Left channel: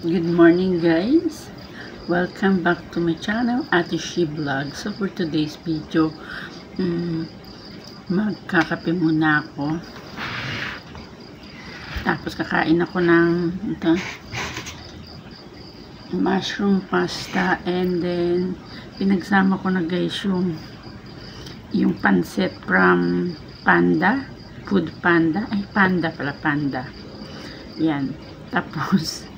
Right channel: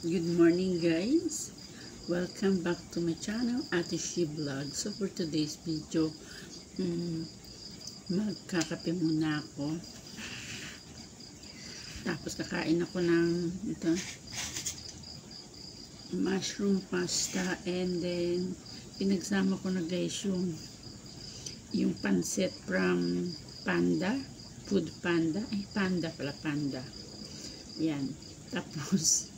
Good morning guys! Welcome back to my channel, Ate She Vlog. So for today's video, magkakape muna ako. Tapos kakain ako ng mushroom pasta, and then pinagsama ko na guys yung pancit from Panda, Food Panda. Ay, Panda pala, Panda. Yan. Tapos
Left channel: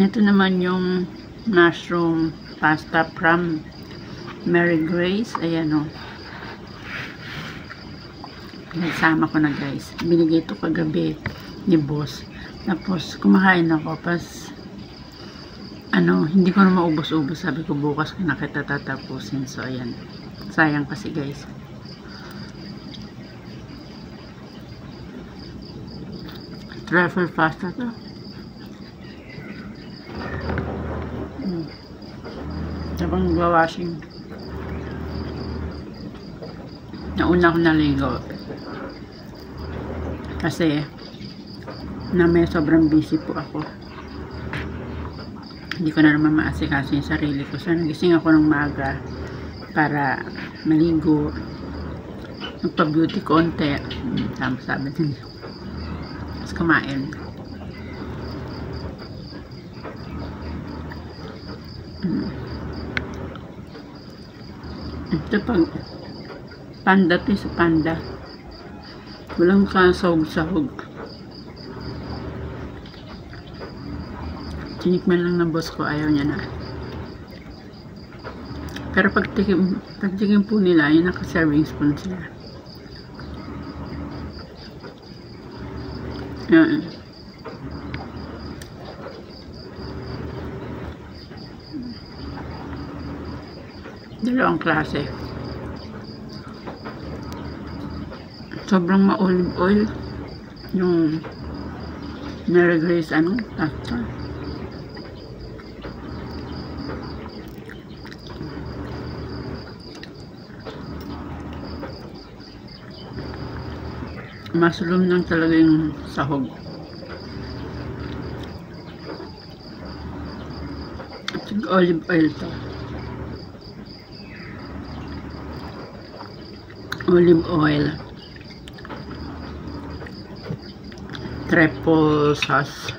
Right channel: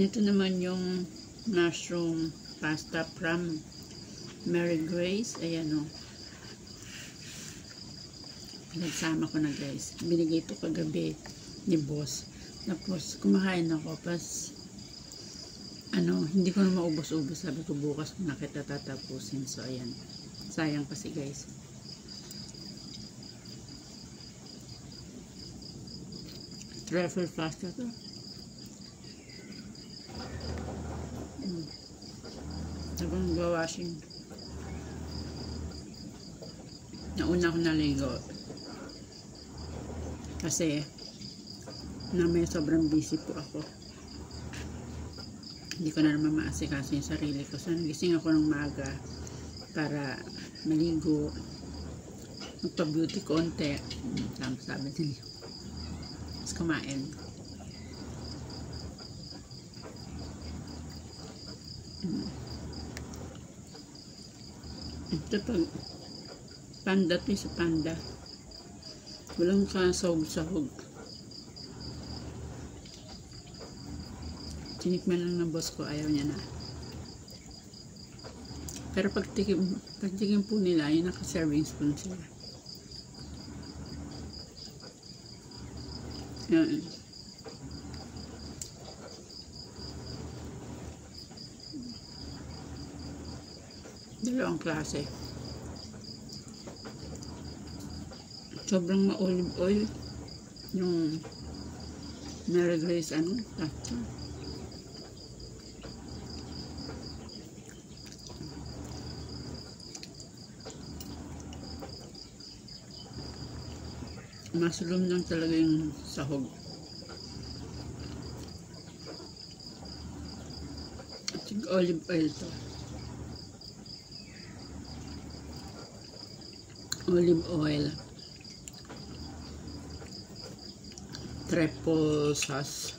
ito naman yung mushroom pasta from Mary Grace. Ayan o. Pinagsama ko na guys. Binigay ito kagabi ni boss. Tapos kumakain ako. Pas hindi ko na maubos-ubos. Sabi ko bukas ko na kita tatapusin. So ayan. Sayang kasi guys. Truffle pasta to. Habang nagwa-washing, nauna ako naligo kasi may sobrang busy po ako. Hindi ko na naman maasikaso yung sarili ko, so nagising ako ng maaga para maligo, magpa-beauty konti, sabi din, tapos kumain. Ito pag panda to, sa Panda walang kasahog-sahog. Tinikman lang ng boss ko, ayaw niya na. Pero pag tikim po nila, yung naka-serving spoon sila. Yan. Dalawang klase. Sobrang ma-olive oil yung Mary Grace pasta. Mushroom lang talaga yung sahog. At yung olive oil to. Olive oil, triple sauce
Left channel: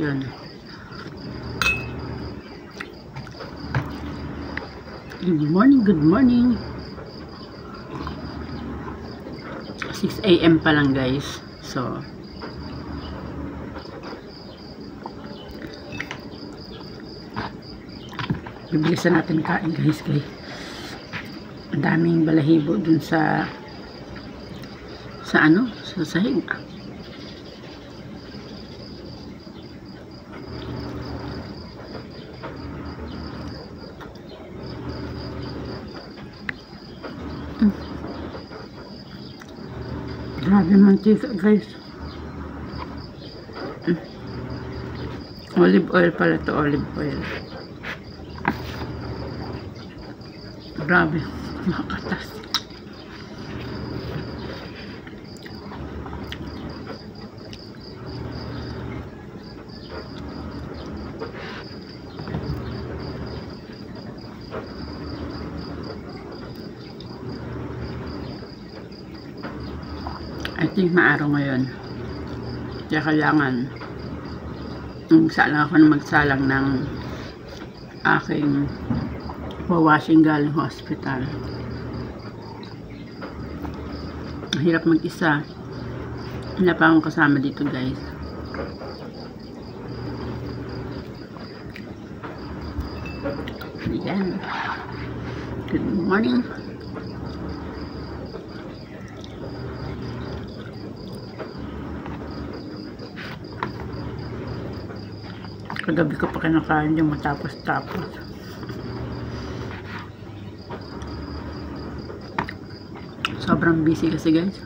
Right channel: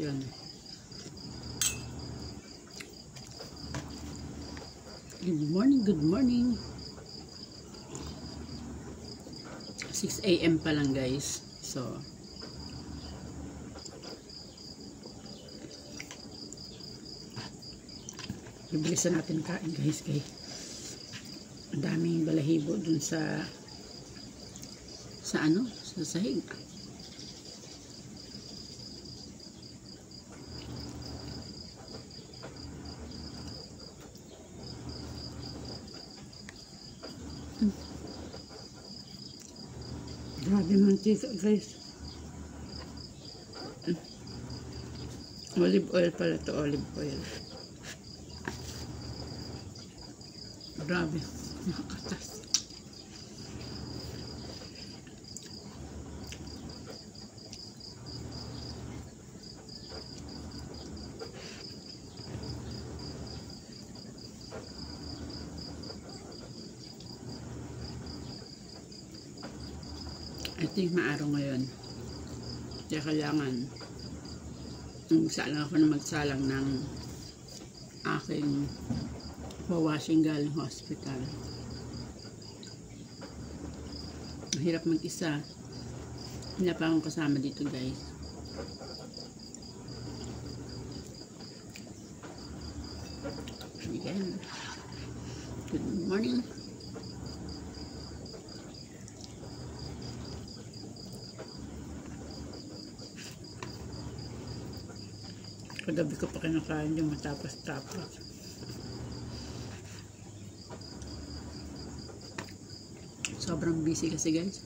yun. Good morning 6 AM pa lang guys, so bibilisan natin kain guys. Ang daming balahibo dun sa sahig. Grabe mantika guys. Olive oil pala to, olive oil. Grabe, makatas. I think maaraw ngayon, kaya kailangan magsalang ako na magsalang ng aking washing galing hospital. Hirap mag-isa, wala pa akong kasama dito guys. Ayan. Good morning. Kagabi ko pa kinakain yung matapos-tapos. Sobrang busy kasi guys.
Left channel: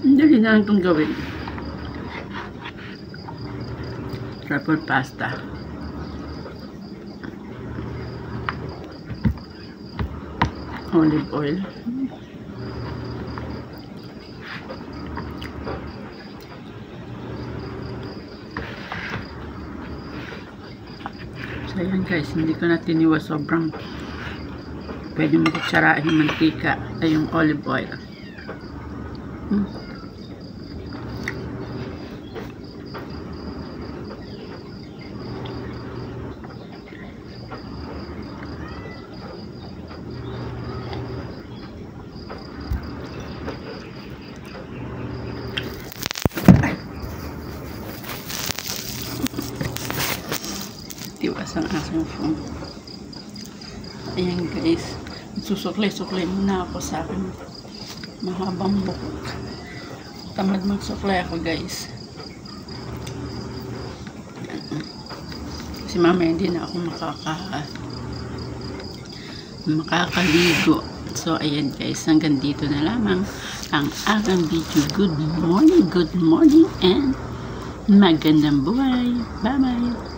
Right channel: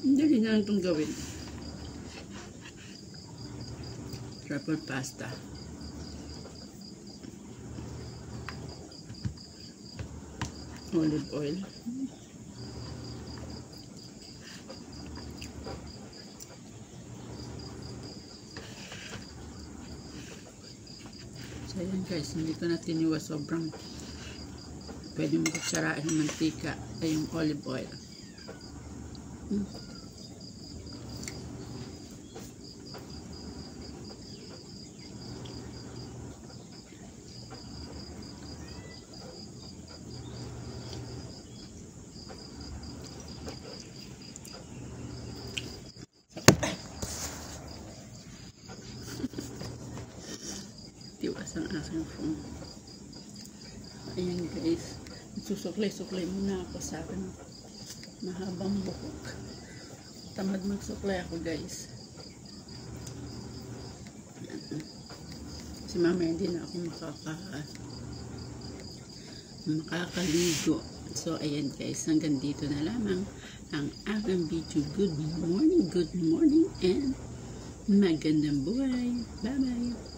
Hindi na lang itong gawin. Truffle pasta. olive oil. So ayan guys, hindi ko na tiniwa, sobrang pwede mo kutsarahin yung mantika ay yung olive oil. Tiwas ang aking phone. Ayan guys, susuklay-suklay muna ako sa akin mahabang buhok. Tamad magsuklay ako guys. Kasi mamaya hindi na ako makakaligo. So ayan guys, hanggang dito na lamang ang aking video. Good morning and magandang buhay. Bye bye.